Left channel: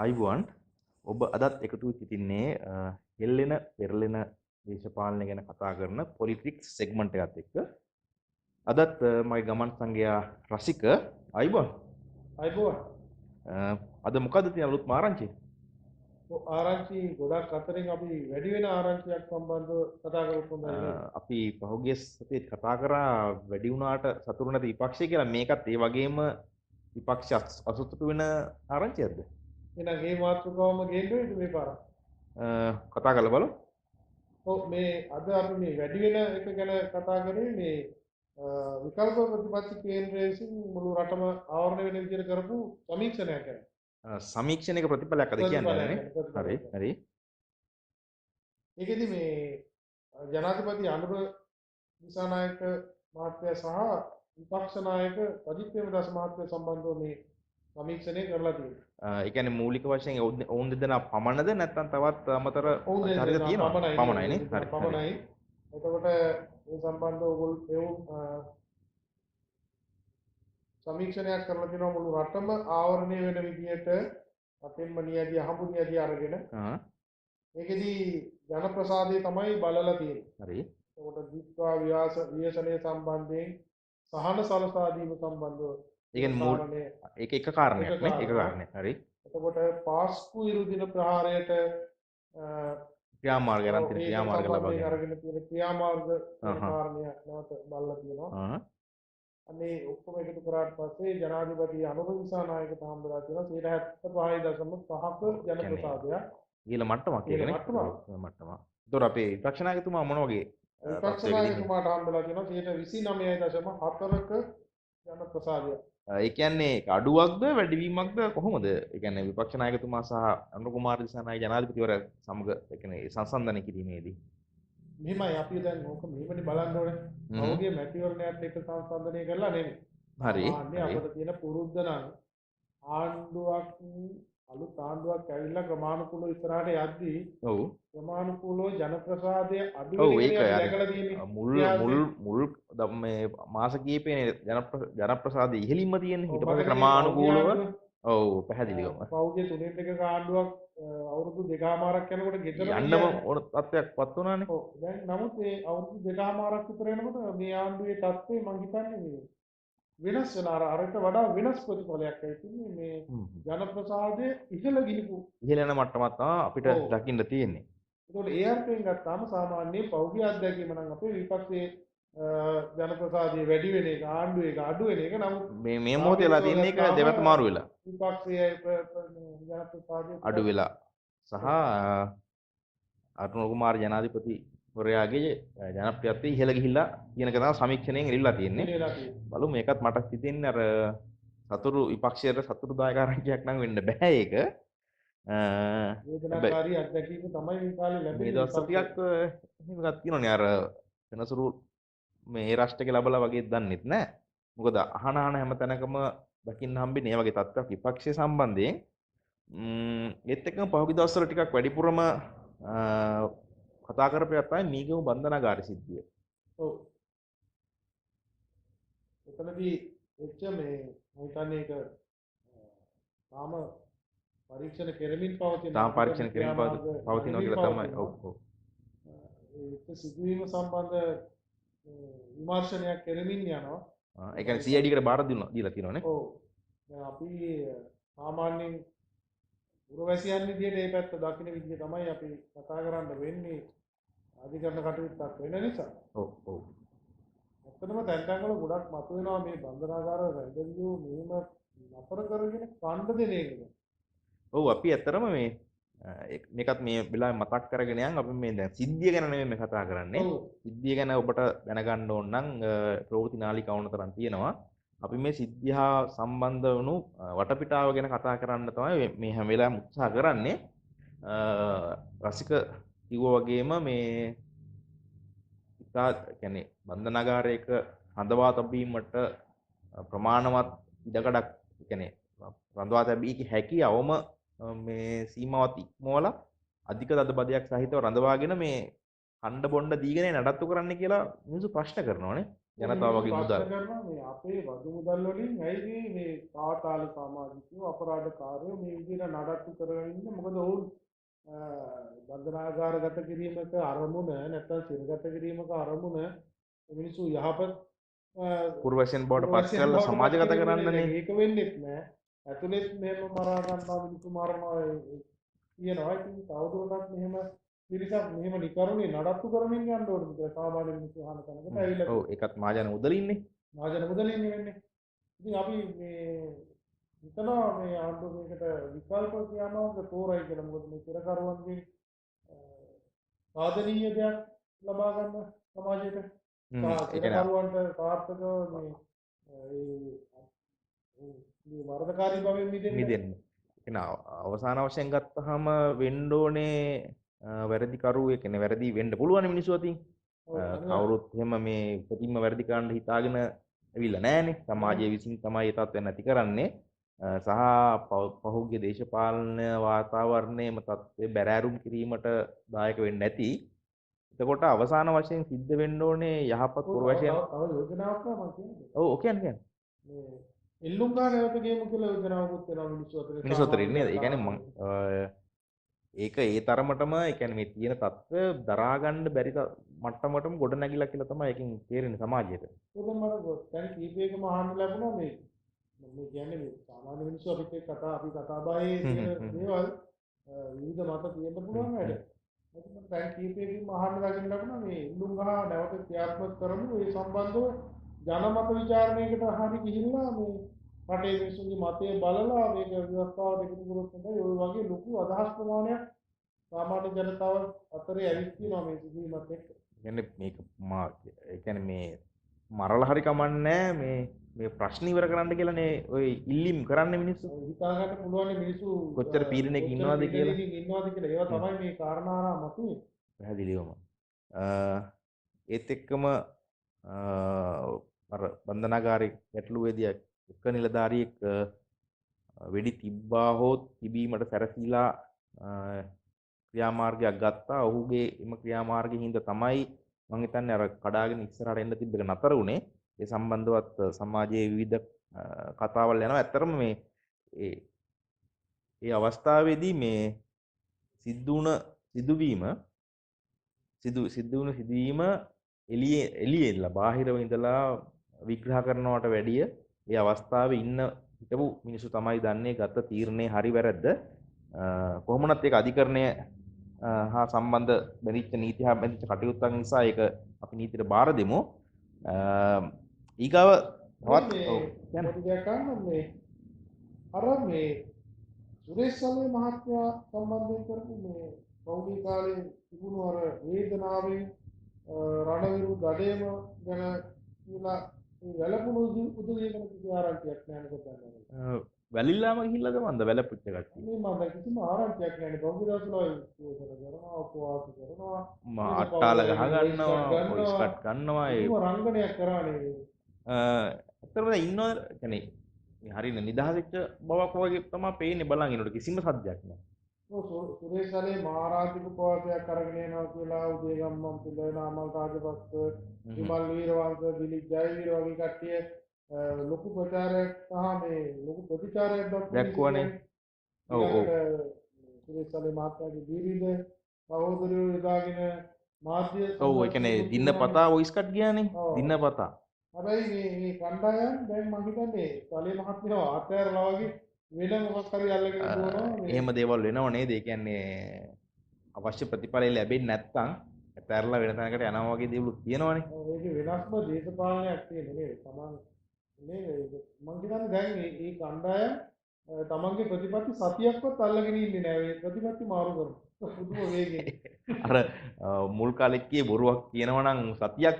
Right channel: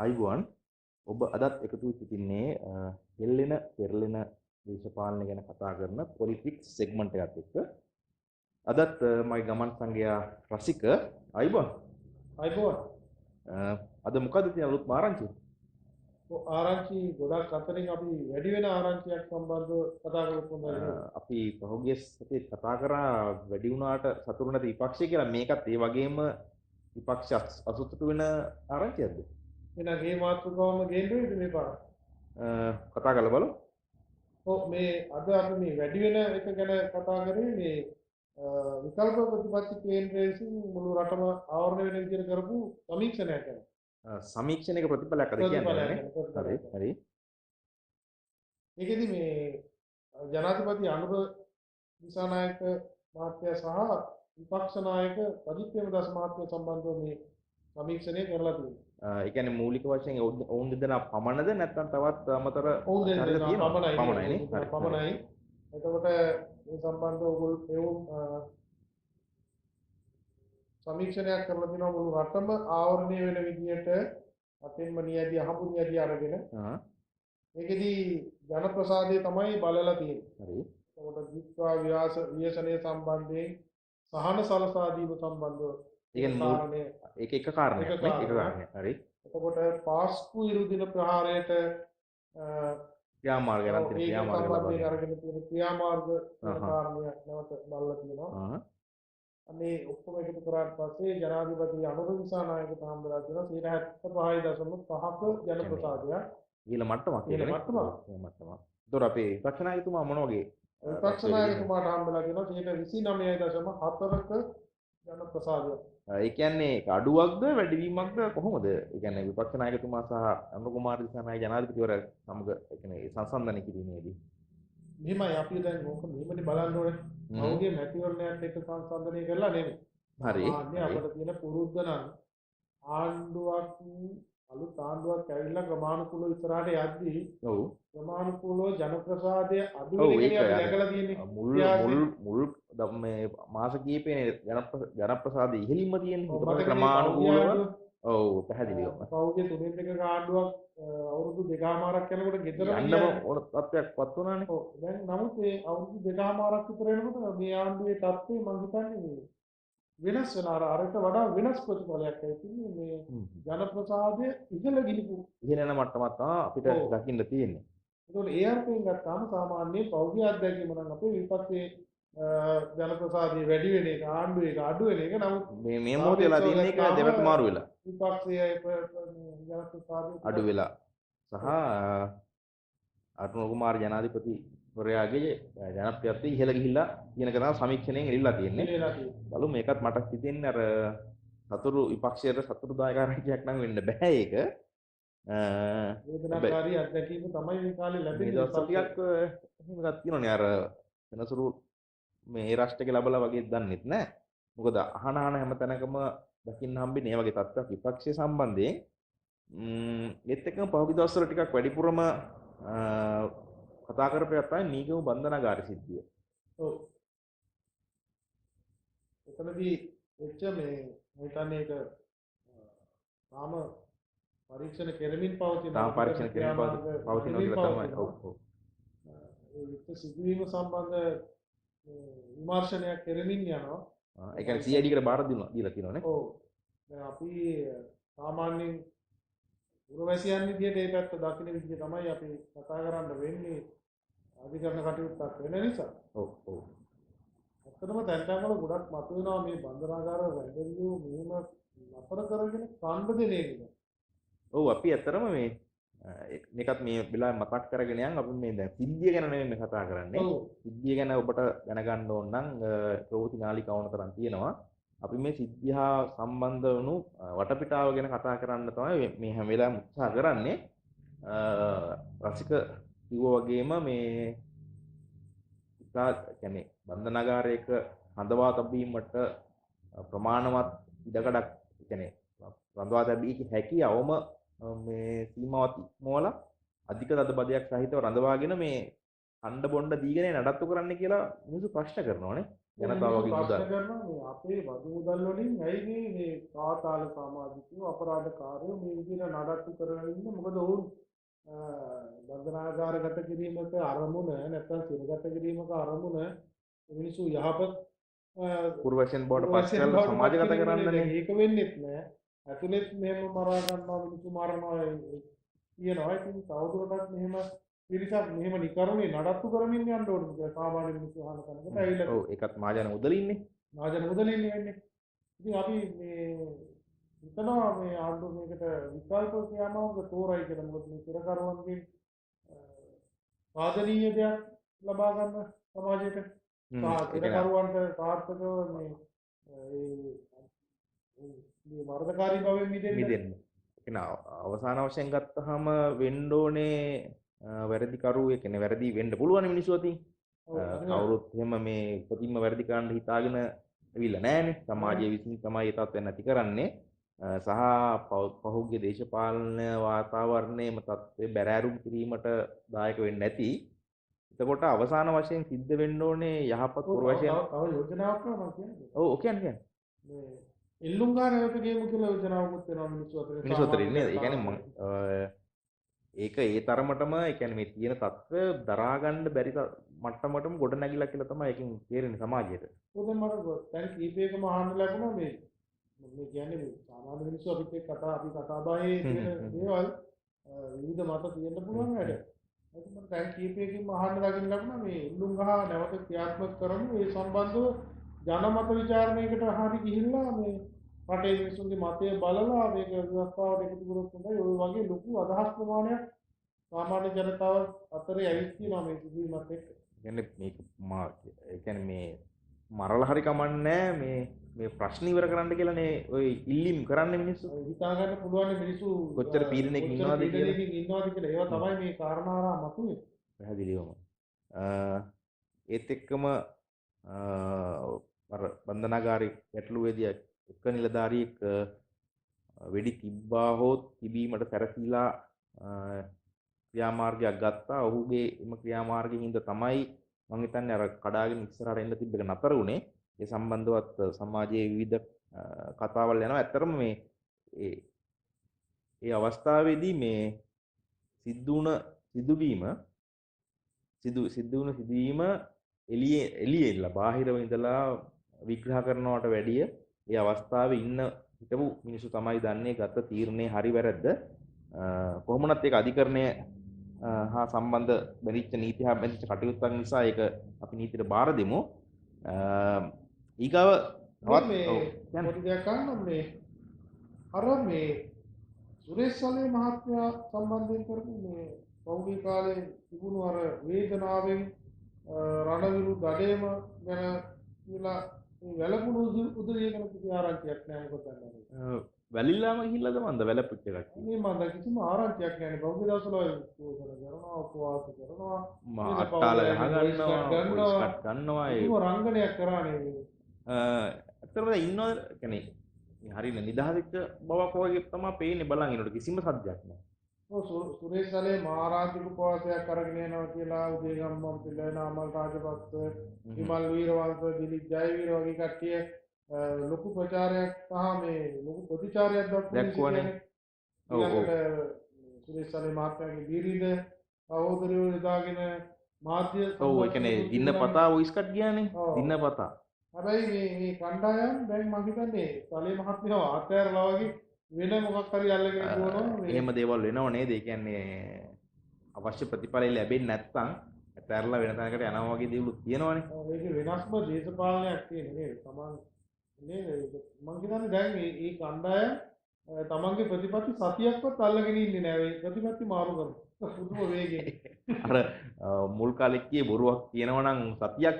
අයිබෝන් ඔබ අදත් එකතු සිටින්නේ හෙල්ලෙන පෙරලෙන දේශපාලනය ගැන කතා කරන පොලිටික්ස් සෙග්මන්ට් එකත් එක්ක අදත් මගේ ගමන් සංගයා රසික අයිබෝන් අයිබෝන් අද මොකද තියෙන අලුත් ආරංචි? ආරංචි ගොඩක් අතරින් අපි වැඩි වෙන ආරංචියක් සම්බන්ධව කතා කරමු නේද? අපි පහුගිය සතියේ කතා කරා වැඩි වුණාට සතුරු නැති විපක්ෂය කියලා. මේකත් ඒ වගේම විපක්ෂ අසතුටු වෙන ආරංචියක්ද? එහෙනම් මේ මාතෘකාවම ගේන්න මේ පාර. කතා කරලා බලමු. ඔව් මේ අද අපි මේ වැඩි වෙන එක ගැන කතා කරේ මේ විකල්ප ප්‍රතිපත්ති කේන්ද්‍රය විසින් මුළු රටම ආවරණය වෙන විදිහට කරපු සමීක්ෂණයක් ගැන. සමීක්ෂණයක ප්‍රතිඵලයක් අද කියන්නේ. හරි හරි. ඒකෙදි මේ ජනාධිපති අනුර දිසානායක මහත්තයා සහ විපක්ෂ නායක සජිත් ප්‍රේමදාස මහත්තයා සම්බන්ධව මේ සමීක්ෂණය කරලා තියෙනවා. ඒ කියන්නේ මූලික වශයෙන් ඔවුන් දෙදෙනා පමණද නැත්නම් තවත් අමතර ඔවුන් දෙදෙනා පමණයි. පමණයි. එතකොට මේ සම්බන්ධව ඔයගොල්ලෝ සමීක්ෂණයක් කරලා තියෙනවා මුළු රටම ආවරණය වෙන විදිහට අපෙන්ම නියදී අහඹු නියදී අරගෙන. ඒකෙදි ජනප්‍රසාදය තමයි බලලා තියෙන්නේ. හරි. එතකොට ජීත්වා ව්‍යසනය සම්බන්ධයෙන් සහන සලසා දීම සම්බන්ධව ඒ කියන්නේ ඒක එක කාරණයක් නේ. එක කාරණයක්. හරි. එතකොට පාස්කු ඉරුදින ප්‍රහාරයට ක්‍රියාමාර්ග නම් තියෙන ක්‍රියාමාර්ග ලබා අරගෙන තියෙන ක්‍රියාමාර්ග වෙන කාරණයක් නැවත බලලා තියෙනවා. අනේ ඔක්කොම එකතු කරාට පස්සේ ජනාධිපති අනුර දිසානායක හම්බලා තියෙනවා 75.5ක ජනප්‍රසාදයක්. ඊළ මට්ටමක් කියන්නේ. මට්ටමක්. ඒතොර අපේ විපක්ෂ නායකතුමා මොන වගේ? විපක්ෂ නායකතුමාට හම්බලා තියෙනවා 29.4ක ජනප්‍රසාදයක්. ඒ කියන්නේ අඩුවක්ද වැඩිවීමක්ද කොහොමද? ඒ කියන්නේ විපක්ෂ නායකතුමා සහ අනුර කුමාර දිසානායක ජනාධිපතිවරයා සමග ඒ කියන්නේ සංසන්දනය කිරීමේදී මෙහිමයි අපි දැන් ඕක මෙහෙමනේ බලන්න ඕනේ. කවුගේ මැතිවරණයක් එක්ක සංසන්දනය කරලා නෙමෙයි. හරි. අපිට තියෙන පුරුද්ද නම් ආණ්ඩුවක් අලුත් ආණ්ඩුවක් ඇවිල්ලා ක්‍රමානුකූලව ඉස්සරහට යද්දී ඔව් ක්‍රමානුකූලව ජනප්‍රසාදය අඩු වෙනවා දැකලා තියෙන්නේ. මුල් මේ මාස කීපේ ජනප්‍රසාදය ඉහළින්ම තියෙන්නේ. ඊට පස්සේ ක්‍රමානුකූලව ඔව් පැහැදිලිවම. කවුගේ තුනෙන් දෙකක ආණ්ඩුවක් අවුරුදු දෙකමාරක් යනකොට ගෙදර යන්න ඕන තත්ත්වයක්පත් වුණානේ. ඔව් දැන් නමුත් මේ අවුරුදු දෙකමාරක් විතර වෙනකොට මේ ආණ්ඩුවේ තත්ත්වය මම හිතන්නේ මේ වෙනස් වෙන අරකට වඩා වෙනස් ප්‍රතිඵලයක් ඇතිවෙන්නේ මේ ජනප්‍රසාදයේ ඉහළ ගිනිපු ඉහළ යන මට්ටමක් තමයි අපිට දකින්න තියෙන්නේ. ඒකෝට ඒ අර්ථයෙන් ගත්තාම සාමාන්‍ය පෞද්ගලික අත්දැකීම නම් අපේ විපක්ෂයේ ජනප්‍රසාදයේ වැඩි වෙන එක ආණ්ඩුවේ අඩු වෙන එක නමුත් මේ මොහොතේ වෙලා තියෙන එක දෙවක මාරු වෙලා. විපක්ෂයේ ජනප්‍රසාදයේ අඩු වෙලා සහ අරුණ කුමාර ජනාධිපති වරයාගේ ජනප්‍රියත්වය ඉහළ ගිහිල්ලා කියන එක තමයි සමීක්ෂණයෙන් එළිලා තියෙන්නේ. බලමු මේකත් මට හිතෙන්නේ අර සතුරු විපක්ෂයට සතුරුදායක ආරංචියක් නම් වෙන්න බෑ ඒක. වේදනාකාරී අත්දැකීම තමයි මේ කාලේ ලැබෙන්නේ. මේ දවස් ටිකක් එහෙම එකක් තියෙනවනේ අර වෙනසුරු මේ රාෂ්ට්‍රක ලැබලා වගේ දන්නෙත් නෑ. මොකද අහන හැම තැනකම දකින්න හම්බෙන්නේ මේ වගේ තත්ත්වයක් විපක්ෂය සම්බන්ධයෙන්. ඒත් එක්කම පහුගිය දවස්වල ටිකක් වැඩිපුරම කතා කරපේක් තමයි මීගම බන්ධනාගාර සිද්ධිය. ඔව්. එතනදී වෙච්ච මේ මම හිතන්නේ ඒක තාම පරීක්ෂණ කෙරෙමින් පවතින පවතින තමයි. ඔව් ඔව්. ඒ සිදුවීම සම්බන්ධ විමර්ශනයක් කෙරෙමින් යනවා. ඒ කියන්නේ CID එකට බාර දීලා තියෙනවානේ. ඔව්. දැන් අපි සාමාන්‍යයෙන් පුරවැසියන් විදිහට මේ පැත්ත දකින්න විදිහ තමයි අපි කතා කරන්න වෙන්නේ අධිකරණ කටයුත්තක් වෙන නිසා. ඔව් ඔව්. ඇත්තටම දැන් වල ගොඩක් මතුවෙනවා මේ බන්ධනාගාර වැඩියෝ මෙහෙම නතර කරගෙන කණ්ඩ දෙන එක. ඔව් අපි ඇත්තටම මේකත් මේ වෙලාවේ මතක් කරගෙන යන් අපි මේ දැන් සිද්ධිය ගැන නෙමෙයි මේ කතා කරන්නේ. සිද්ධිය ගැන ඔබට දැනගන්න ඕන නම් ප්‍රවෘත්ති නාලිකාව වුණතරන් තියෙනවා. අපි මේ සිද්ධිය හා සම්බන්ධ වුණු වටපිටාව ගැන කතා කරන්න තමයි මේ හැම වෙලාවෙම උත්සාහ කරන්නේ. රසික කිව්වා වගේම මේ ඉතාලි කියන්නේ බන්ධනාගාරයක හඳවා තැබීමට ප්‍රමාණවත් ඉඩකඩක් කියන්නේ රඳවා තැබී හැකි අවම මේ සීමාවත් ඉක්මවලා අධික තදබදයක් සහිතව රඳවාගෙන මේ හඬ බොණ්ඩ දීගෙන නඩත්තු කරන්න කියලා මිනිස්සු ප්‍රශ්න කරනවානේ. ජනතාව වගේ මුදල්. ප්‍රශ්න කරනවා මේ අපේ වතු මුදල් වලින් ඇයි මේ කාතාල සමාජිකයෝ අපරාධකාරයෝ මේ විදිහට නඩත්තු කරගෙන ඉන්නේ? මොකද ඔවුන් බන්ධනාගාරගත කිරීමක අරමුණ නැත්නම් සිරගත කිරීමක අරමුණ මිනිස්සු යහපත් පුරවැසියන් බවට පත් කරලා සමාජගත කරන්නනේ. මේක වෙන්නේත් නෑ. ඇතුළෙත් මෙහෙම මරා ගන්නවා මිනිස්සු මරනවා කියනවා. ඉතින් තවදුරටත් මෙහෙම පිරිසක් මෙහෙම නිකරුණේ නඩත්තු කරමින් යන්න ඕනේ කියලා සාමාන්‍ය මිනිස්සු අහන තැනකට ඇවිල්ලා. ඔව් ඒකත් මහජන මුදලින්නේ. මහජන මුදලින්නේ වෙන්නේ. ඉතින් අපි මේ හිතනවා මේ ආණ්ඩුව මේකට විකල්ප ක්‍රියාමාර්ග තෝරයි කියලා. මොකද මේ පෙරකරුවන්ගේ සාධනීය දෙයක් ලබා ගන්න සමාජයට පෙරකරුවන්ට සාර්ථකව මේ වරදකාරී භවෙන් මිදෙන්න. අවසාන වශයෙන් ගත්තහම වෙන්න ඕනේ වැරදිකරුවෙ කියන්නේ වැරදි වෙන්න පුළුවන් මිනිස්සු අතින්. කවුරුත් එහෙම මේ උපතින්ම වැරදි කරන්න හිතාගෙන ඇවිල්ලා නැහැනේ. සමාජයේ විසින් තමයි ඒ තත්ත්වය නැති කරන්නේ. සහ පහුගිය දේශපාලන වාතාවරණයේම තත්ත්වය බැරෑරුම් කිරීමට දායක වෙන්නේ නැති. එතකොට අවසාන වශයෙන් සිද්ධ වෙන්න ඕනේ යහපත් පුරවැසියන්. තව යෝජනාවක් මම කියන්නේ. ඔව් කියන්නේ. මේ එල්ලුම් ගානකට ගේමු කියලා යෝජනාවකුත් වෙනවා මිනිස්සු අතර නේද? ඒ කියන්නේ ඒක ඒ තරමටම ඒ කියන්නේ මේ තියෙන තත්ත්වය දරා ගන්න බැරි මට්ටමටම ගොඩ නැගිලා කියලා තමයි ඒකෙන් තේරෙන්නේ සමාජයට. උදේ මම දැන් කීපයකම අහන්න ලැබුණා මේ කියන්නේ මේ සාමාන්‍ය මිනිස්සු අපිත් එක්ක අපි කතා බහේ තියෙන දේවල් විවිධ මත තියෙන්න පුළුවන් වැඩ. ඒක මම දැන් කීපයකින්ම අහන්න ලැබුණ මේ එල්ලුම් ගහ නැවත ක්‍රියාත්මක කරමු ඒ සම්බන්ධව ජනමත විචාරණයකට හරි ගිහිල්ලා මේ රටේ මිනිස්සුන්ගේ මතය බලලා මේක ව්‍යවස්ථාවට එකතු කරොත් තමයි ඔය වගේ ලොකු අදහස් ප්‍රමාණයක් සාමාන්‍ය ජනතාව අතරේ ඇවිත් තියෙනවා මේ සිදුවීමත් එක්ක. කියන්නේ මේක ඒ කියන්නේ මේ මරලා හරි කමන්නේ මේ ප්‍රශ්න ඉවර කරන්න කියලානේ ඔය ඉල්ලීම් කරන්නේ මිනිස්සු. හිතා ගන්න පුළුවන් මිනිස්සු කොච්චර පීඩනයක ඉන්නවද කියලා. ඒවා තමයි මේ කාරණා මතුවේ. පැහැදිලිවම. ඒත් එක්කම අර බන්ධනාගාරයේ ගැටලුවේදී එක නිලධාරියෙක් වෙඩි තිබ්බා හෝ තිබීමට සැරසීලා ක්‍රියාමාර්ගයක් ගත්තා. ඔහුගේ එම ක්‍රියාමාර්ගයෙන් හින්දා තමයි මම හිතන්නේ අර කඩාගෙන ඉස්සරහට එන්න තිබ්බ එක නතර වුණේ. ඒ සම්බන්ධවත් සමාජයේ විවිධ කතාවල් යනවා. ඇත්තටම මේ ඒ අවස්ථාවේදී මේ සිදුවීම එළියෙලා බාහිරව ඉඳලා විග්‍රහ කරනවට වැඩිය ඒ අවස්ථාවේ ඉන්න හිටපු මිනිස්සු තමයි දන්නේ ගත තීරණේ හරි වැරද්ද. කොහොමනත් ඒක අධිකරණය හා සම්බන්ධ බැරිච්ච නීති හා බැඳිච්ච කටයුත්තක් නිසා ඒක අපි නීතියට බාර දෙමු. ඊගව තවත් පොඩි දෙයක් අහන්න මේ අර මේ සුරේෂ් සලේ මහත්මයා සම්බන්ධයෙන් කරපු මේ පෞද්ගලික කාලේ තිබුණු අර වේදනාවෙන් රණවිරු දඩේම ගැන කියලා වැළපුණු උදවියකන කිසි ආරංචියක් නැහැ මොකද දන්නේ. වැලිල්ලාම ගිහිල්ලාද මන්ද වැළපුච්ච එකක්. මේ මන්ද කිසිම ආරංචියක් නැහැ නේ. බෞද්ධ දවසවල උපෝසන කරනවා උපවාස කරනවා. අට්ටාල ගන්නවා ඒක රංගනයක් කරානේ. අතරම ඉන්නව කියන්නේ හරින නිදහසෙච්ච බවක් වගේ තමයි පේන්නේ බලන් ඉන්නකොට කිසිම සද්දයක් නැහැ. සුරේෂ් සලේ මහාරාජික උපවාසයක් අරගෙන යනවා කියලා උදේගම්මන් පිළ නාමල් රාජපක්ෂ විමල් වීරවංශ දිලිප් ජයවීර වගේ කට්ටිය ලොකු ප්‍රචාරයක් සහ මේ ලොකු ප්‍රතිචාරයක් දක්වන්නේ. සුරේෂ් සලේ මහත්මයාගේ බිරිඳ සහෝදරයෝ යොදාගෙන මාධ්‍ය ඔව් ඒ කියන්නේ දිනපතා වොයිස් කට් ගියානේ දිනපතා. හැබැයි මේ කණ්ඩායම් දැන් මම හිතන්නේ සලේ මහත්මයා ආතෑරලා වගේ වෙන මොකක් හරි අල්ලගෙන දුවනවා. එහෙම දේවල් වෙනව නේද? ඒ කියන්නේ අවශ්‍ය ප්‍රතිඵල ලැබෙන්නේ නැත්නම් ඇතැරලා වෙන තැනකට යනවා වගේ දේවල් තියෙනවනේ. ඒක වෙනස්ම දේශපාලනයක් තියෙන නේද? තමන් නේද? මම කියන්නේ දැන් මේ කණ්ඩායම් තමන්ගේ ප්‍රතිපත්ති සතියක්වත් අල්ලගෙන ඉන්නේ නැහැ. ඒ ප්‍රතිපත්ති මාරු කරනවා. පුදුම වේගයෙන්. අර මුල් කාලේ කියේ බොරුවක් කියනවා නම් සතියක්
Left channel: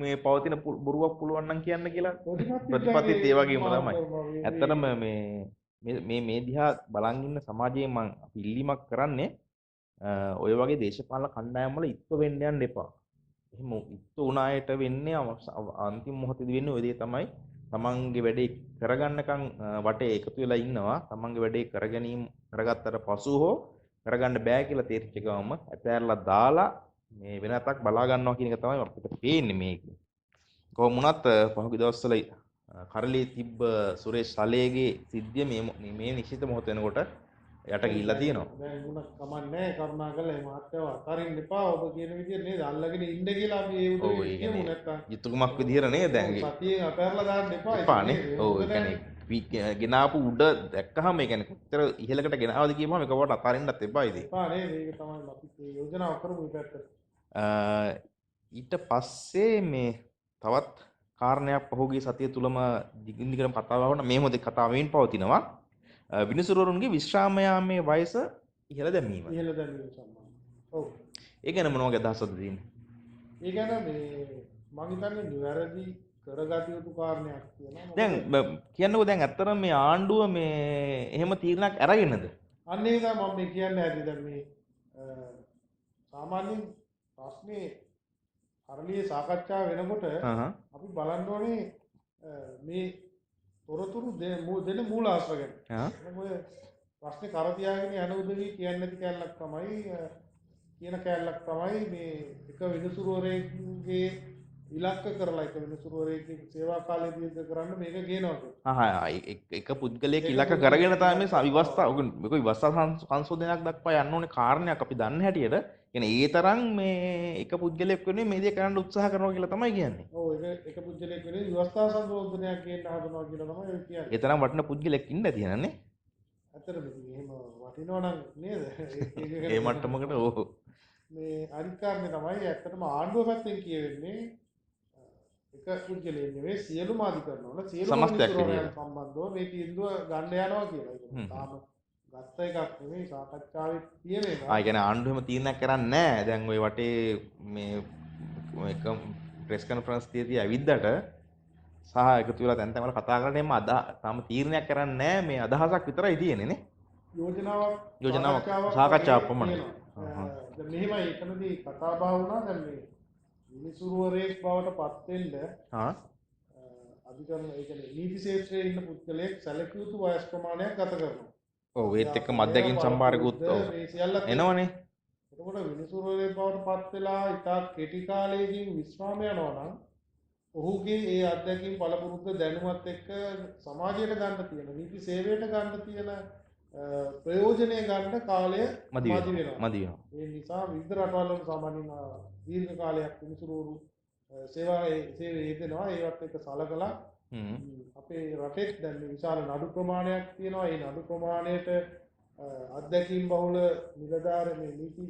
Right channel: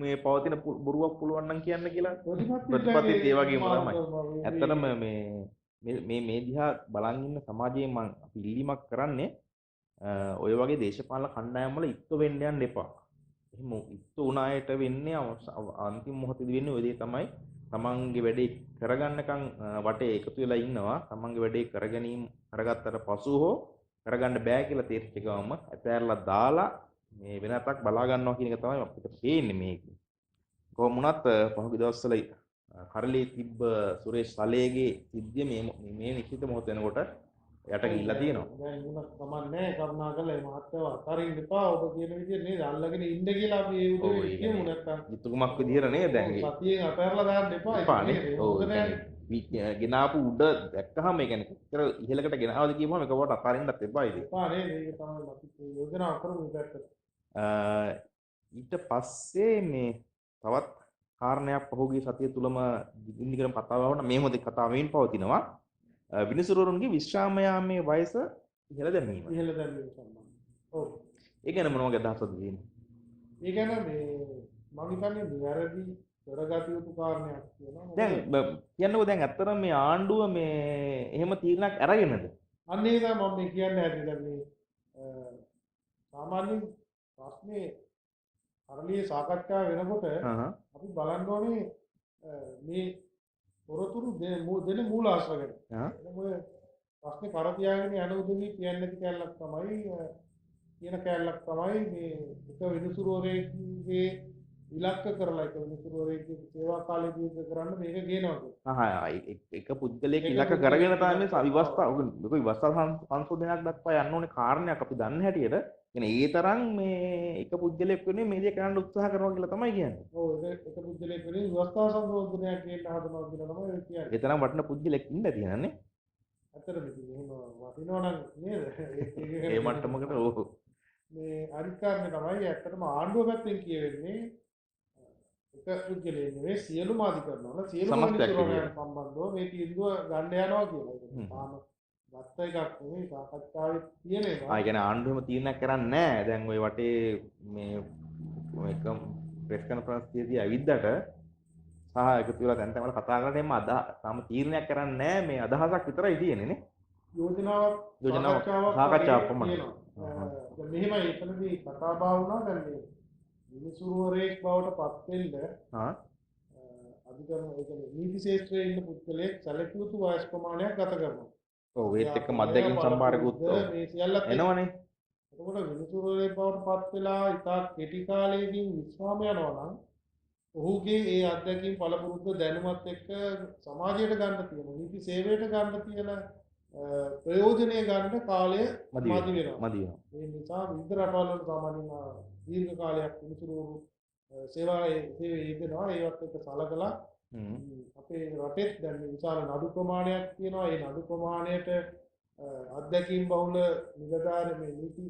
මේ පවතින බොරුවක් පුළුවන් නම් කියන්න කියලා ප්‍රතිපත්තිත් ඒ වගේම තමයි. ඇත්තටම මේ දිහා බලන් ඉන්න සමාජයේ මම ඉල්ලීමක් කරන්නේ ඔය වගේ දේශපාලන කණ්ඩායම් වල ඉක්ක වෙන්න යන්න එපා. එහෙම ඉක්ක උනායට වෙන්නේ අන්තිම මොහොතේදී වෙන්නේ ඔය දේ තමයි. තමන්ගේ වැඩේ කරගන්නකම් වටේ එකතු වෙලා ඉන්නවා. තමන්ගේ වැඩේ කරගත්තට පසු හෝ කරගන්න බෑ කියලා තේරිච්ච ගමම ඇතෑරලා දාලා මේ වෙනතක් බලා ගන්නවා කියන එක තමයි අපිට පේන්නේ මේක. කොහොම වුණත් පහුගිය දවස්වල කරලියේ තිබ්බ සුරේෂ් සලේගේ සිද්ධිය මේ නිශ්චිත මොහොත වෙනකොට යට ගිහිල්ලා තියෙනවා. දැන් උනත් කමන්නේ කරුණාකරලා මේ මාත්‍යව අතරින් එපා ඔබ කියන විදිහට නේද අල්ලගෙන ඉන්න කියලා අපි ඒ උදේ කියමු නැත්තම් යුතුයකමක් විදිහට නේද දැන් සතියේ අතහැරලා දාන්න එපා ඔව් ගෙනාපු උඩ දැක්කහම ඒ කියන්නේ කොච්චර ඉහළකට ගෙනාවද කියපුවම එකපාරට අතාරින්නත් එපා ඉතින්. එපා නේද ඒක තමයි අපි යෝජනා කරමු මේ පැත්තට. ඊට පස්සේ මේ තවත් කාරණයක් පහුගිය සතිය තුලම දිගින් කතා වුණා මේ මොහොතේ කතාව වෙමින් පවතිනවා. විනිසුරුවරුන්ගේ විශ්‍රාම යාමේ වයස ඉහළ දැමීම. ඉහළ දැමීම සම්බන්ධ. ඔව්. ඒ ගැන මොන වගේ අදහසක්ද තියෙන්නේ? ඒ ගැන මේ මම හිතන්නේ නිවැරදි කරගත යුතු කාරණයක් කියනවා. දැන් කියන්නකෝ දැන් ඇත්තටම මේ ආණ්ඩුව මේ එහෙම තීරණයක් අරගෙනද? අන්න ඒක මම මේ කියන්නේ ඇයි දැන් මේ සාමාන්‍යයෙන් ප්‍රශ්නේ කරලියේ සාකච්ඡා වෙනකොට අපි බලන්න ඕනේ මේ තොරතුරු දෙන මූලාශ්‍ර ගැන. මොකද ප්‍රශ්නේ කර තියාගෙන යන උදවි කියන්නේ නැති කැලලක් තමයි කියන කැලලක් තමයි මේ එක විනිසුරුවරයෙක්ගේ ඉලක්ක කරලා එක විනිසුරුවරයෙක්ගේ සේවා කාලය දීර්ඝ කරන්න මේක ගේනවා කියන්නේ. එක පුද්ගලයෙක් ඉලක්ක කරගෙන තමයි මේ විවස්ථා මේක විවස්ථා සංශෝධනයක් දක්වා යන්න ඕනේ කාරණයක් අපි දන්න හැටියට කියන්නේ ඒ තරම් මේ එක පුද්ගලයෙක් වෙනුවෙන් මේ දේ කරන්න උත්සාහ කරනවා කියලා තමයි කියන්නේ. ඔව් එක පුද්ගලයෙක් වෙනුවෙන් විවස්ථා සංශෝධනයක් ගේන්න හදනවා කියලා තමයි ඒ කියන්නේ. ඒ තරම් වටින පුද්ගලයෙක් ඉන්න තියෙනනේ. ඇත්තටම ඉතින් එහෙම වටිනවා නම් නේද? ඒ මට්ටමකට ඕක. මේ අනිත් කාරණේ තමයි ඇත්තටම ආණ්ඩුව පැත්තෙන් කියවෙන්නේ එක පුද්ගලයෙක් නෙවෙයි සියලුම අධිකරණ වල සියලුම මිනිස්තුරුන් සම්බන්ධව මේ තීන්දුව ගන්න යනවා කියලා. ඒක තාම ගත්ත එකක් නෙවෙයි සාකච්ඡාවේ තියෙන එක. ආ කියන්නේ ආණ්ඩුවම තීරණයක් කරන්නේ නැහැ. දැන් ওই වටේ මේ එක ප්‍රෙස් කොන්ෆරන්ස් තියදී ඇවිද්දට සහ එකතු වෙලා දැන් තමයි කතා කරන්නේ එම්ම තාම තීරණයක් කරන්නේ නැහැ. මේ අදහසක් විතරයි තියෙන්නේ නේ. යෝජනාවක් සාකච්ඡාවක් පමණයි. දැන් මෙහෙමයි එතනදී කතා බහ වුණා දැන් මේ විනිසුරුවරයෙක් බවට පත් වෙන්න අධිකරණ ඒ කියන්නේ නීති ශාස්ත්‍රයේ ඉන්න පුද්ගලයෙක් සැලකිය යුතු වයස් ප්‍රමාණයක් ගත කරනවා. ඔව් ඒත් එක්ක මද්දකින් සම්භාරකුත් මේ සියල්ලත් එනවනේ. එතකොට විනිසුරුවරයෙක් බවට පත් වෙලා ඉතා කෙටි කාලයකින් විශ්‍රාම යනවා නම් ඔහුගේ ඒ අත්දැකීම් පළපුරුද්ද දැනුමත් එක්ක සමාජයට ගන්න තියෙන නීති සේවයට ගන්න තියෙන ප්‍රයෝජනය ගන්න කාලය මදි වෙනවා. ඒ නිසා විවිධ රටවල් වල සාමාන්‍යයෙන් දීර්ඝ කාලයක් විනිසුරුවරු සේවයේ යෙදෙනවා. ඒවත් එක්ක සලකලා අපේ රටේ දැන් විශාල නඩු ප්‍රමාණයක් තියෙනවා. ඒ නඩු ප්‍රමාණයට අත්දැකීම් බහුල නිලධාර මේ නීති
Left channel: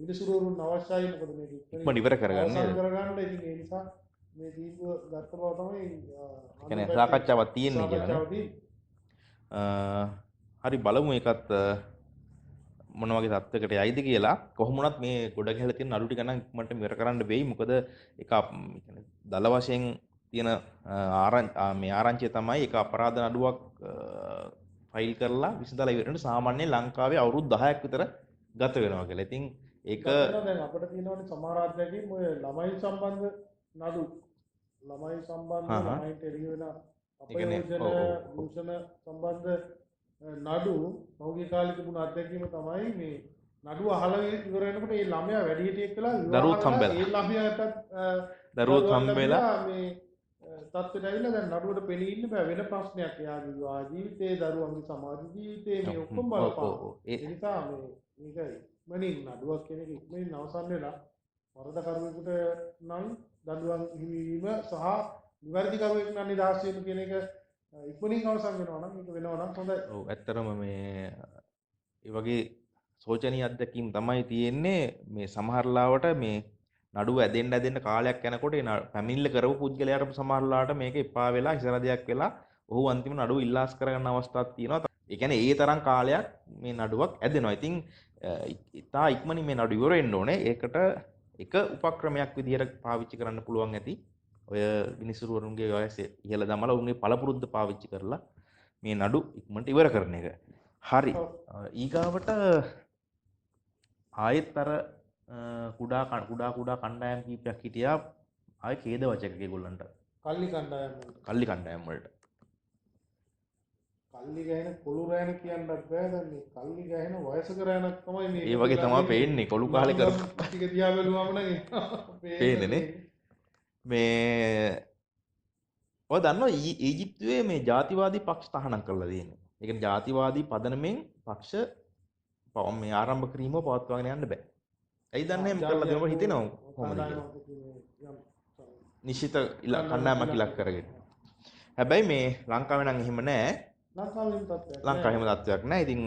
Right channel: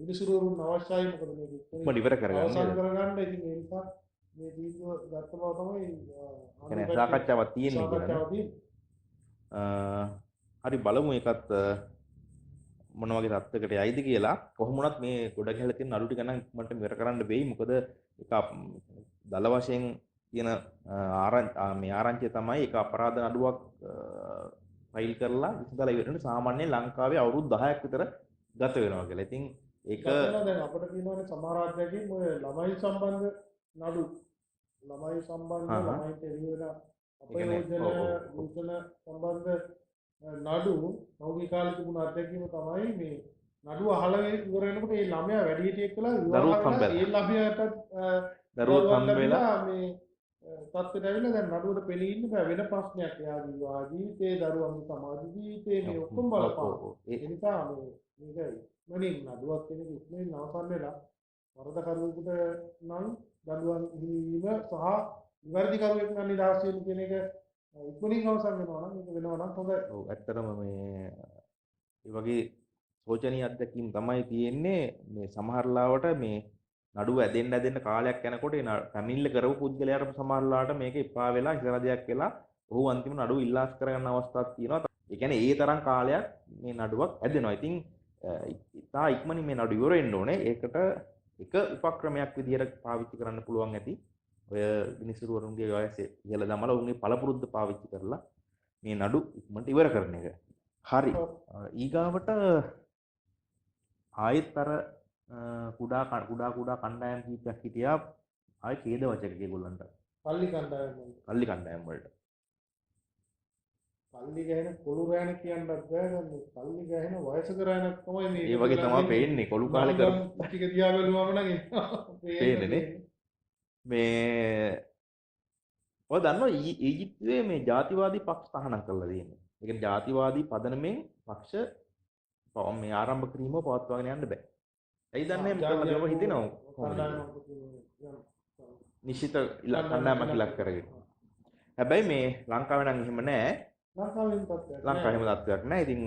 විනිසුරුවරුන් අවශ්‍යයි. මොකද මේක ඉක්මනට ඉවර කරගන්න. ඉතින් ඒ නිසා මේ තීන්දුව ගත්ත බව තමයි කියන්නේ සාකච්ඡාවක් තියෙන්නේ කියන්නේ. හරි බලමු ඒකත් මොන වගේ තත්ත්වයකට යයිද කියලා. කොහොම වුණත් මේ ගොඩ ගැහලා තියෙන නඩු ටික නම් ඉක්මනට ඉවර කරන්න වෙයි. මොකද ඒක දල වශයෙන් තියෙන මේ ආරංචිය තමයි ඒක අපරාධ නඩුවක් ෆයිල් කරලා විසඳලා ඉවරනට සාමාන්‍යයෙන් ලංකාවේ අවුරුදු 10ක් විතර ගත වෙනවා කියලා. ඉතින් ඒක දැන් අපිට තියෙනවානේ සමහර අධ්‍යයනයකින් ඔය ළමයි සම්බන්ධ නඩු ළමයි සම්බන්ධ ළමයින්ට එළි වෙන අපයෝජන දූෂණ සම්බන්ධ නඩු පෞද්ගලික කාලේ තිබුණ අත්දැකීම තමයි මේ නඩුව අහලා ඉවර වෙනකොට ඒ ළමයා වැඩිහිටියෙක් වෙලා ඒ ළමයාට දරුවොත් හම්බෙලා මේ තත්ත්වයට ඇවිල්ලා දැන් නඩුවට පෙළී ඉන්න බෑ වෙන ප්‍රශ්නයක් එයාගේ විවාහ ජීවිතේ දරුවන්ගේ සමාජ ජීවිතේ මේ ඔක්කොම බලපානවා. ඒ නිසා මේකයි මනින් නඩුවක් කෙනෙක් ඉක්මනින් අවසන් වෙලා වරදකරුවෙකුට නම් දඬුවම් හිමිවීම සහ නිවැරදි කරුවෙක් නම් නිදහස් වීම කියන එක ඉක්මනින් අවසන් වෙනවා නම් ඒක වෙනවා නම් හොඳයි. ඔව් ඇත්තටම මේ ඒ වගේ සෝචනීය අත්දැකීම් තමයි තියෙන්නේ. මේ සමහර ලාවට මේ නඩුව ඇදෙන්න කාලයක් යනකොට ඒ පැමිණිල්ල කරපු පුද්ගලයාට සමහර ලාවට මේක එපා වෙලා ඉසරදයක් වෙලා ඔහු අන්තිම නඩුව ඉල්ලාස් කරගන්න අවස්ථාවක් තියෙනවා. ඒ කියන්නේ ඒ තරම් කාලයක් මේ නඩුවක් ඇදෙනවා. ඉතින් ඉතා ඉක්මනින් මේ නඩුව ඉවර වෙන්න ඕනේ. ඒකට එක උපක්‍රමයක් විදිහට පාවිච්චි කරන්න පුළුවන් ඇති. ඔය විනිසුරුවරුන්ගේ වයස ඉහළ දමලා උන්ගේ පළපුරුද්ද පාවිච්චි කරලා මේ නඩු ඉක්මනට ඉවර කරන එක. හරි. ඊගාවට ආයෙත් අර කුඩා කණ්ඩායම් කීපයක් හිටියා. ආයෙ ඛේද වචක ඒගොල්ලන්ට. කල්ලි කණ්ඩායම් වලට. කල්ලි ගහන කොළු රෑන කියන්නත් බෑ. දැන් මේ කල්ලි ගහන වයසක රෑනක් තමයි මේ. ඒ වගේ තමයි පේන්නේ. කොළු කාලේ කරපු ටික දිහා බැලුවම නම් පේන්නේ මේ ඔය දන්නවා ඊජිප්තුවේ මේ ජාතිවාදී පක්ෂ තහනම් කරලා තියෙනවා. ඒ කියන්නේ ජාතිවාදී පදනමෙන් පක්ෂ මේ ආරම්භ කිරීමව පවත්වාගෙන යන්න බෑ. ඇයි දන්නේ එහෙම කරලා දෙනවා හිතෙනවා කොහොමද කියලා. නිශ්චිත කණ්ඩායමක් ඉලක්ක කරගෙන. හැබැයි මේ ලංකාවේ නම් එහෙම නෑ. ලංකාවේ එහෙම තත්ත්වයක් නෑ. ඉතින්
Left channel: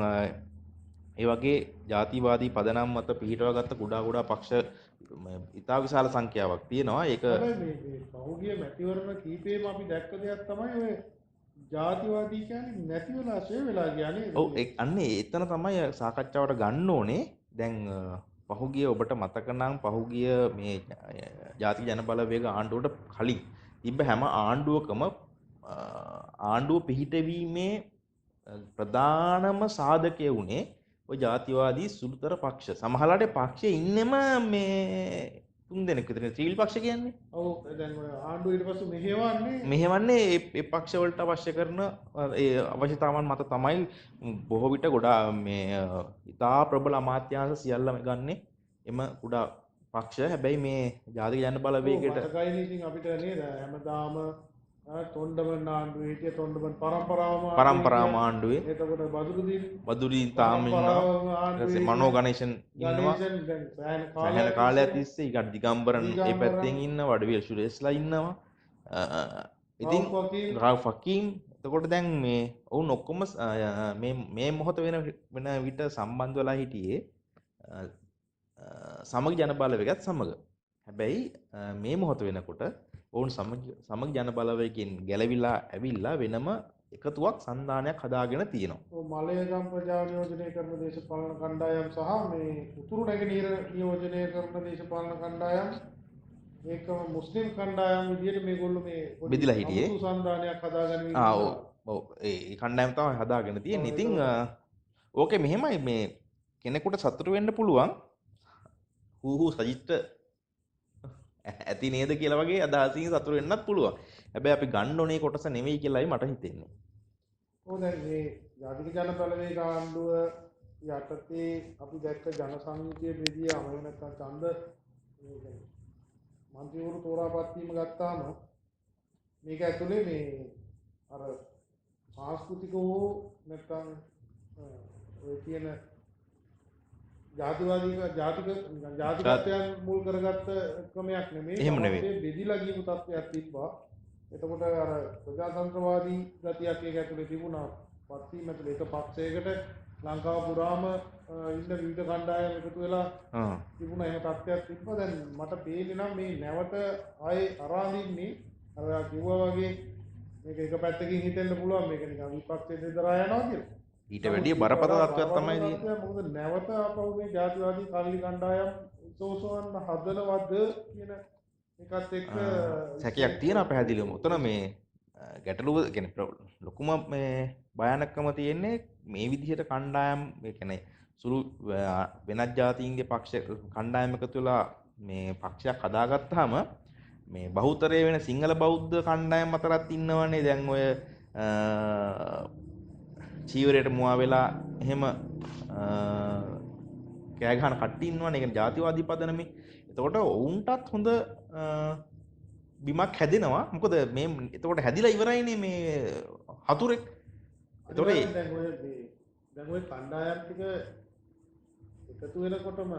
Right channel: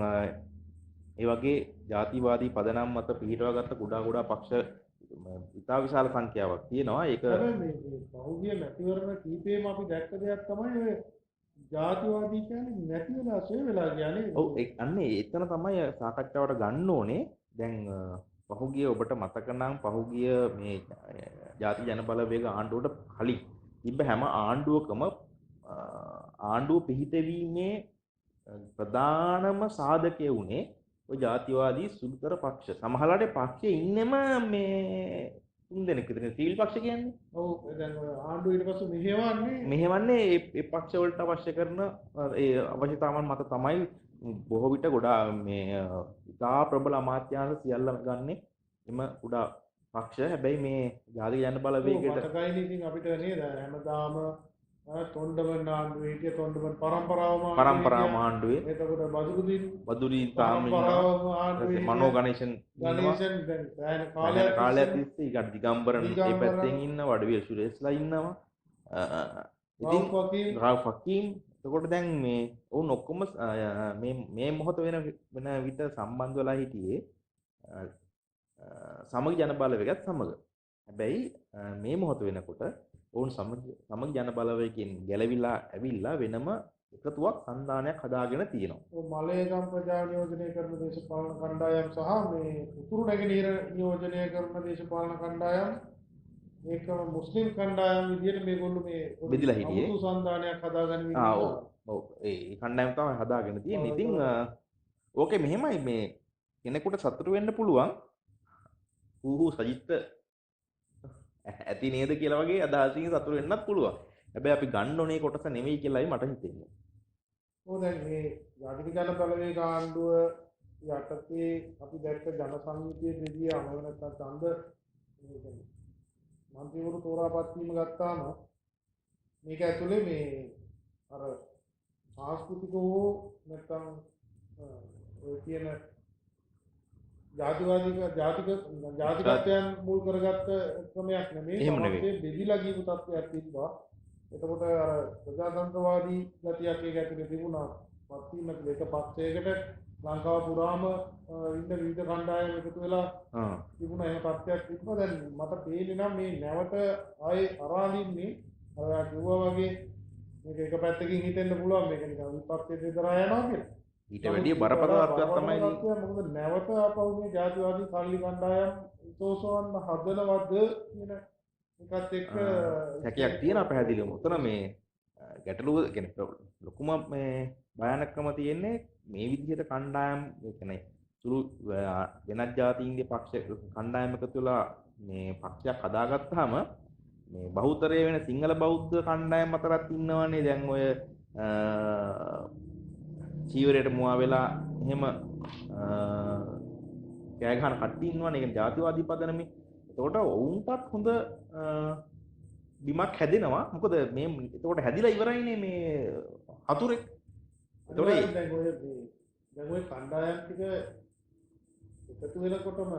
ඒ වගේ ජාතිවාදී පදනම් මත පිහිටවාගත්ත කුඩා පක්ෂ ඉතා විශාල සංඛ්‍යාවක් තියෙනවා. ඒක හැබැයි මේ පහුගිය මැතිවරණ කීපෙම අපි දැක්ක දෙයක් තමයි ඔය ජාතිවාදී කියන්නේ නැති වෙලා ෂේ වෙලා කියන්නේ. ඔව් අන්නේ එතන තමයි සාකච්ඡාවට ගන්න ඕනේ. දැන් පහුගිය ඔබට මතක නම් පහුගිය මේ ජාතික ජනබලවේග ආණ්ඩුවට කලින් තිබ්බ හැම ආණ්ඩුවකම ආණ්ඩුව පිහිටවීමේ ප්‍රධානම සාධකය වුණේ ඔය ජාතිවාදී සුළුතර පක්ෂ. සමහරවිට පක්ෂයේ ඉන්නෙම මේ 3 දෙනෙක් විතර. ත්‍රිවිල් පක්ෂ කියන්නේ. ඔව් දැන් ඔය ආණ්ඩුව ඊට පස්සේ මෙහෙවන්නේ ඒ පක්ෂ වලට අවශ්‍ය කරන ඒ අවශ්‍යතාවන් මත තමයි බොහෝ විට ගොඩා මේ ඉතා ප්‍රබල අමාත්‍යාංශ සියල්ලම ගන්නෙ එම කුඩා පක්ෂ. හැබැයි මේ ජාතික ජන බලවේගයට මතකයිනේ ඉතින් අපිට නේද හැමදාම තොණ්ඩමන් ආණ්ඩුවේ හිටිය තොණ්ඩමන් පරම්පරාවම ආණ්ඩුවේ එතකොට බදුරුදීන් තාම ඉන්නවා. මනෝ ගණේෂන් කාලයක් තිස්සේ ඊට දිගම්බරන් ඒ පැත්තෙන් ඉන්න වඩවිල් සුරේස්ලා ඉන්නවා. ඉතින් රාව් ෆකීම් එතකොට දැන් මේ ඔවුන් ඔක්කොම මේ මොහොත වෙන විට සම්බන්ධ වෙලා හිටියේ සමග ජන බලවේගයත් සමග. හැබැයි මේ මොහොත වෙනකොට ඔවුන් සමග ජන බලවේගයෙන් ගැලවිලා ඇවිල්ලා වෙනම එකතුවක් සන්ධානයක් හදාගෙන තියෙනවා. ඔව් මලයගම් ප්‍රජා නියෝජනය කරන දේශපාලන කණ්ඩායම් සහ මේ උතුරු නැගෙනහිර නියෝජනය කරන දේශපාලන කණ්ඩායම් ඒකම මුස්ලිම් කණ්ඩායම් විදිහට මේගොල්ලෝ මේ බෙදිලා හිටියේ. අමුතු සන්ධානයක් හදාගෙන ඉන්නවා. ඔව් ඒ කණ්ඩායම් තමයි හදාගෙන තියෙන්නේ. ඉතින් ඕකේ මෙහෙමයි මේ කෙනෙකුට සතුටු වෙන්න පුළුවන්. හූ සජිත්ට ඇති නේද කියලා වගේ අදහසින් සතුටු වෙන්නත් පුළුවන්. හැබැයි අපි ගන්න ඕනේ කොටස නෙවෙයි කියලායි මට හිතෙන්නේ. ඔව් දැන් මේ ජාතික ජන බලවේග ආණ්ඩුව යටතේ අපි දැක්ක ජන සංයුතිය බෙදිය අමව නැත්නම් ඡන්ද මේ කියන්නේ මන්ත්‍රීවරු තෝරාපත් වීම ගත්තාම මේක ඇතුලේ මේ අර සංස්කෘතික හෝ නැත්නම් ඔය කියන ජාතිකත්වයන් මුල් කරගත්ත ක්‍රමයක් නෙමෙයි. බෙදිලා ගියපු තත්ත්වයක් තිබ්බා. එතකොට අර ප්‍රජාතන්ත්‍රවාදී ගතියක් ඒක ඇතුලේ තිබුණා. පත්වීම ඇතුලේ එක පක්ෂයකට ලංකාව පුරාම ඉන්න විවිධ කණ්ඩායම් එකතු වෙලා තිබුණා. එහෙම තත්ත්වයක් තිබ්බා. දැන් මට පේන්නේ නම් මේ නැවත ආයේ අරාඳින්නේ අර කිව්වා වගේ මේක එක පැත්තකින් හිතෙන්න පුළුවන් මේක නිකන් විපක්ෂයේ දෙදරා යනවා කියලා. ඊට වැඩිය බරපතල තත්ත්වයක් තමයි තියෙන්නේ. මොකද නැවත ආපහු මේ ජාතිවාදී කල්ලි කණ්ඩායම් සෝසවන්න හදනවද කියන එකත් එක්ක සැකයක් තියෙනවා පැහැදිලිවම. උතන මේ ගැටලුව කියන්නේ ලොකුම මේ භයානකම තියෙන්නේ මේ විදිහට කණ්ඩායම් ඒ කියන්නේ සුළු වෙනත් ජාතීන්ගේ පක්ෂ කණ්ඩායම් එකතු වෙලා මේ පක්ෂයක් හදාගත්තාම මේ බහුතරය වෙන සිංහල බෞද්ධ කණ්ඩායම් අතරත් ඉන්නවනේ දැන් ඔය චීවරයට මුවා වෙලා එහෙම කෑ ගහන කට්ටිය ඉන්නවනේ. ඒ කියන්නේ ජාතිවාදී පදනමේ. එතකොට ඔවුන්ටත් හොඳ බිමක් හැදෙනවා. මොකද මේ එතකොට හැදිලා ඉවරයිනේ මේ හතුරෙක්. එතකොට දැන් ඔය කණ්ඩායම් ටික එකතු වෙනකොටම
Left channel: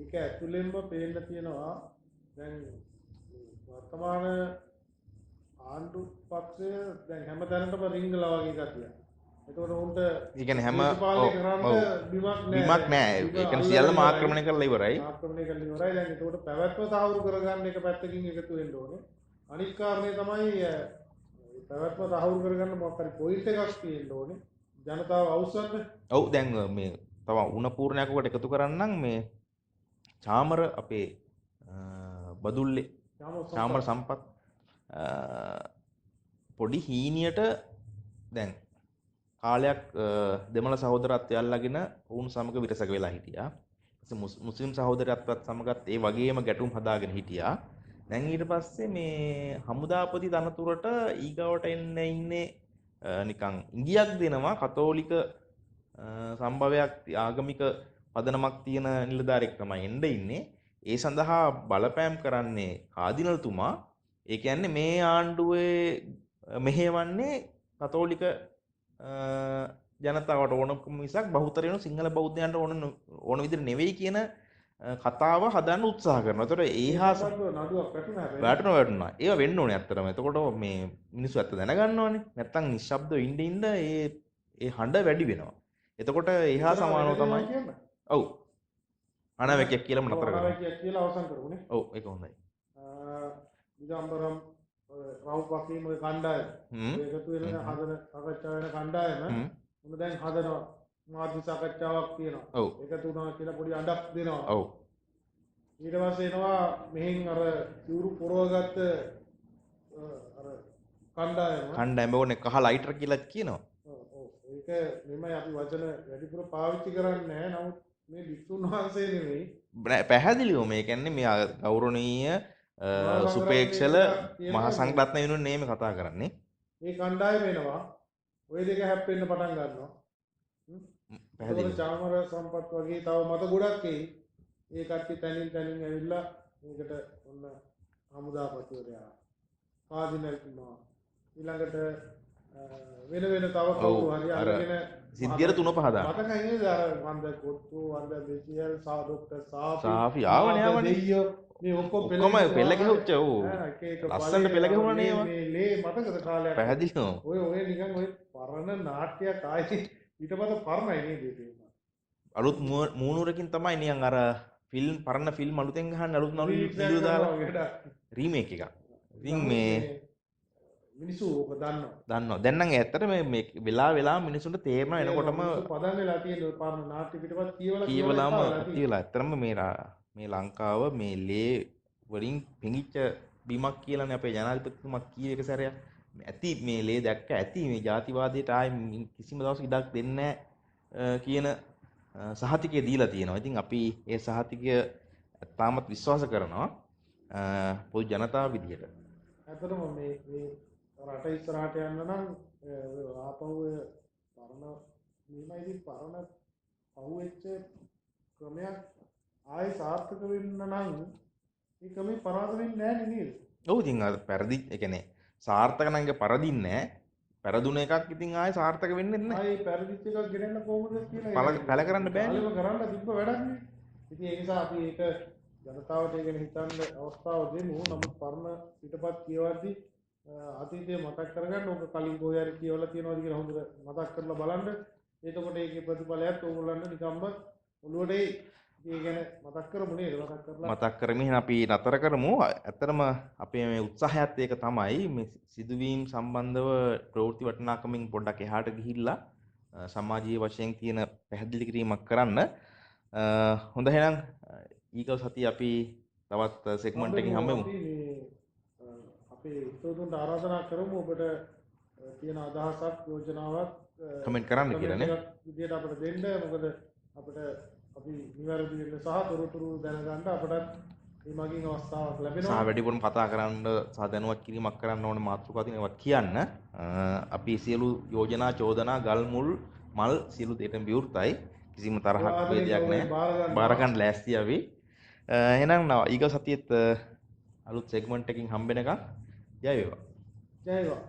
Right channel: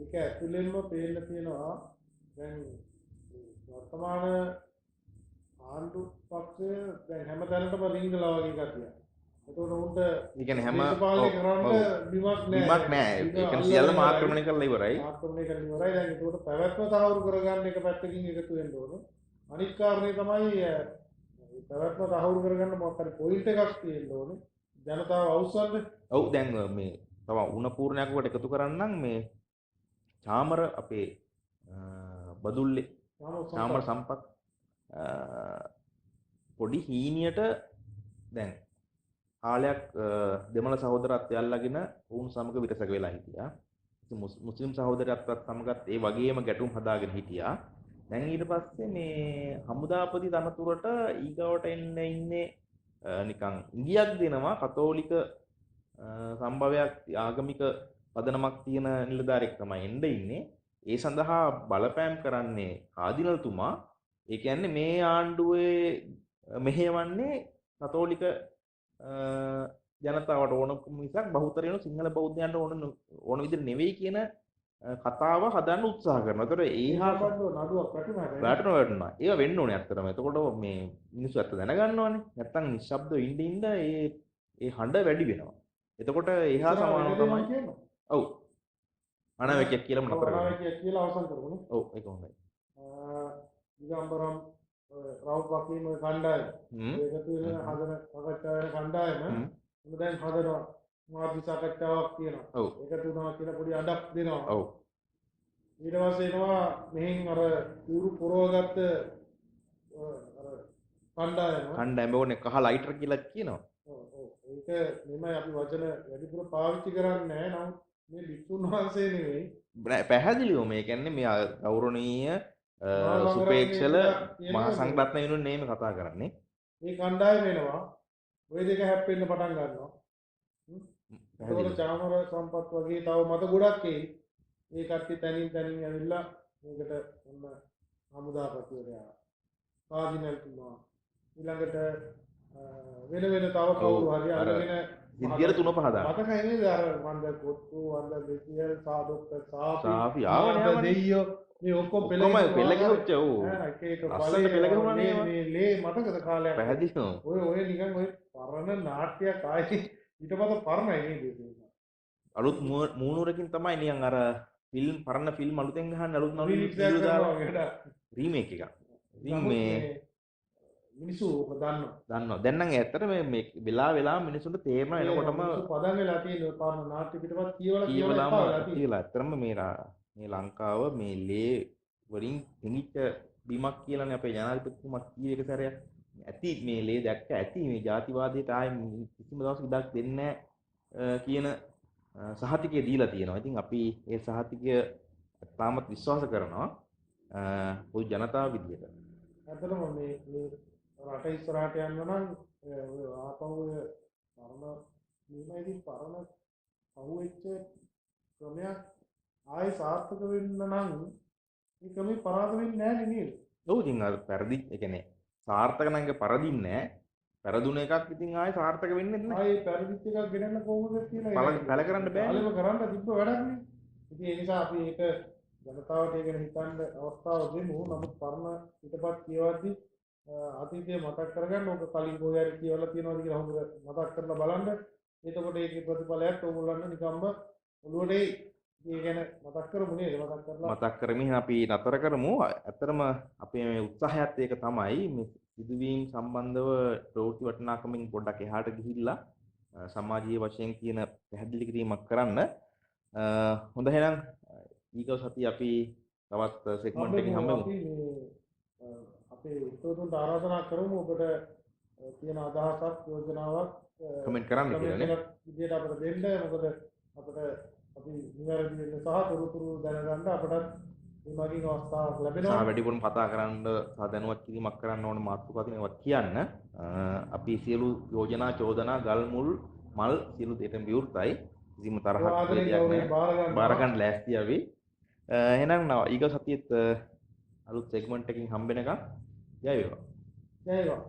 ඒක ඇතුළෙන්ම පේන්න තියෙනවා. දැන් වර්තමාන ආණ්ඩු පක්ෂය දැන් හැම තැනටම රිංගලා වගේ ගතියක්. එතකොට උන්ට ඒ කියන්නේ හැම බිමක් නෑ. ඒ කියන්නේ සියල්ලම ආක්‍රමණය කරලා ඉවරයි. දැන් එතකොට පැවැත්ම තහවුරු කරගන්න එක පැත්තකින් එකතු වෙන්න ඕනේ. අනිත් කාරණේ තමයි පැවැත්ම තහවුරු කරගන්න මොකක් හරි පොයින්ට් එකක් තියෙන්න ඕනේ. ජනතාව අවුස්සන්න. ඔව් දැන් මේ තව උණ පූර්ණයකට එකතු කරන්නම් මේ චාමර අපේ බදුල්ලේ චාමර සම්පත් පොඩි හීනියට දැන් කාලයක් දෙමළ සහෝදරත්වය අල්ලගෙන ඔවුන් සමග විරසක වෙලා හිටියා. මුස්ලිම් සහෝදරත්වයත් සමගත් ඒ වගේම ගැටුම් හදාගෙන හිටියා. දැන් ඊට පස්සේ මේ හමුදාපති තනතුරට ඊගවට එන්න ඉන්නේ නිකන් ඉඟියක් දෙනවා කතෝලික සම්භවයක් ආගමික පදනමක් තියෙන නිලධාරියෙක් තමයි එන්න ඉන්නේ. ඒ සඳහා බලපෑම් කරන්නේ කාදිනල්තුමා ඒ කියන්නේ මේ ආණ්ඩුවේ මෙහෙවන්නේ කතෝලික ජනතාවට ඕනකම මිසක් බහුතරයන සිංහල බෞද්ධයන්ට ඕන විදිහට නෙවෙයි කියන කතාව හදන්න උත්සාහ කරනවා. ඒතකොට ඒ හා නඩුවක් වැටුණා. වැටුණා. ඒවා වෙන්න ඕනේ ඇත්තටම. එතකොට මේ මිනිස්සු ඇත්ත දැනගන්න ඕනේ. නැත්තම් නිශ්ශබ්දව ඉඳ ඒ හඬ වැඩි වෙනවා. එතකොට එහා සමානව තමයි. ඔව්. අනාවැකියක් කියලා නතර කරනවා. අනාවැකියක් කියලා අවසන් කරමුනේ. ඔව් ඒක හොඳයි. දිගම්බරම් රවුප් වකීම කණ්ඩායම ඒකතු වෙන හදන සාකච්ඡා වෙන කණ්ඩායම මොන දැන් හදනවා මාධ්‍ය සාකච්ඡාවක් තියෙනවා. ඔව්. ඒකතු වුණා කියලා පොඩි අඩක් දෙනවා. ඔව්. ඊට පස්සේ එනවා මෙහෙන් අර සිවුරු පුරවගත්ත අර කණ්ඩායම ඕනේ කහ ලයිටර් කියලා කියනවා. ඔව් ඒක මෙමය අපි වචන වැඩිපුර පාවිච්චි කරන්නේ නැහැ. නමුත් මේ විසුණු වහන්සේ නෙවෙයි පැහැදිලිව මේ කියන්නේ මේ ගෞරවනීය සුපේක්ෂල මහා සංඝරත්න වෙනුවෙන් නෙමෙයි කතා කරන්නේ. මේ කණ්ඩායම එනවා ওই දෙක හැප්පෙන්න පටන් ගන්නවා. පැහැදිලි. චාමර සම්පත් වගේ තව මත ගොඩක් එයි. ඒ කට්ටිය තනින් ඇවිල්ලා මේකට ඔන්න හමුදාපතිවරයා කාදිනල් තුනවා. ඊළඟට වෙන තව කවුරු හරි අරගෙන සිද්ධියට තුන පහ දාන්න. මතකයි නේද අර වන්ද කොත්තු වන්ද දෙසියල් සාදොක්ටර් සාෆි ආවනේ දෙයියෝ මේ ඔක්කොම පෙළ ගැහුවච්ච ඔව් එක එක ලස්සනට පෙළ ගැහුවනේ මේ ලේ මතකද කාලයක් පැහැදිලිව ඔය නිකන් ඔය පරණ නාට්‍යයක් ආයේ ඊටපස්සේ පරණයි නේද ඒක අලුත් මූණුරකින් තමයි නිකන් අර ෆිල්ම් පරණ ෆිල්ම් අලුතෙන් ගහන්න අලුත් වීඩියෝ දාලා රීමේක් එකක්. ඉතින් මේ මිනිස්සු ඔක දන්නවා. දැන් නම් ඇත්තට මේ වෙලා මිනිසුන්ට තේරෙන එනකොටම පදන් වෙලා තියෙන ඔය පරණ නාට්‍ය පිටපත් කියවලා ඇත්තටම මේ ලංකාව මේ ලේ වලින් පිඟිච්ච බිමක් කියලානේ අපේ ජනාධිපතිතුමා කී එක සැරයක් ඇති මේ ලේ දැක්ක ඇති මේ ජාතිවාදයට ආයේ කිසිම දවසක ඉඩක් දෙන්නේ නැහැ කියන සහතිකය දීලා තියෙනවා. ඉතින් අපි ඒ සහතිකය තාමත් විශ්වාස කරනවා පොදු ජනතාව විදියට. ඇත්තටම මේ රට ඉස්සරහට යන්න නම් ආපහු පරණ මේමයිදී පරණ පහුවෙච්ච ක්‍රමයක් ආයෙ සාර්ථක වෙන්න නම් මේ ක්‍රමේ පරාද වෙන්නේ නැහැ නේද? ඔව් ඉතින් අර පෙරදි ඒ කියන්නේ සාර්ථක නම් ඒක පරදින්නේ නැහැ. පෙරදුන එකක් ඉතින් ආයෙ සාර්ථක වෙන්නේ නැහැ. ආයෙ පෙරදිච්ච එකක් ගෙනන්න කොහොමද කියලා පැල කරන්න බෑනේ. ආයෙම කරන්න තිබ්බ වැඩක් නේ. ඉතින් ඒ නිසා අපි ඒක ජනතාවට ඒ ගැන හිතන්න අවස්ථාව දෙමු. නමුත් පරණ පිටපත් කියවද්දී අතීතය මතක් කරගන්න ඕක කලින් කොහේ හරි කියවලා තියෙනවද කියලා හොඳට මතක් කරලා බලන්න. එතකොට ඒකේ ප්‍රතිඵලයක් ඕගොල්ලන්ට නිකම්ම ඔළුවට එයි. ඒ ගැන මතක් කරමු නේද? මතක් කරමින් අපි නතර කරමු. ඇත්තටම අපේ මේ උත්සාහයත් ඒක තමයි මේ සිදුවීම් සම්බන්ධව ප්‍රවෘත්ති වටිනාකමින් පොඩ්ඩක් එහාට ගිහිල්ලා සමාජීය වශයෙන් තියෙන පැහැදිලි කිරීමක් කරන්න. හොඳ එහෙනම් ඊගොස් සතිය අපි තවත් සෙග්මන්ට් එකකින් හම්බෙමු. අපේ උතුරුන්ට ආරාධනා කරමු ඔබට තියෙන අදහසක් යෝජනාවක් කමෙන්ට් කරන්න කියලා නේ. විදියට අපිට දෙන්න. මොකද අපිට අපි නිවැරදි වෙන්න සහ තොරතුරු දැනගන්න අපටත් මේ මගින් අවස්ථාවක් ලැබෙනවා. වැඩිපුරම කතා කරන්න සහ දැනුවත් කිරීමක් කරන්න ඕන මාතෘකා තියෙනවා කියන්න. අපි සියලු යෝජනා චෝදනා ගල් මුල් මල් සියලු දෙයටම විවෘතයි. කිසිම තරහක් වේදයක් නැහැ. බාර ගන්න ලෑස්ති අපි. එහෙනම් ඊගොස් සතියේත් අලුත් සෙග්මන්ට් එකකින් හම්බෙනකම් ජය වේවා. ජය වේවා.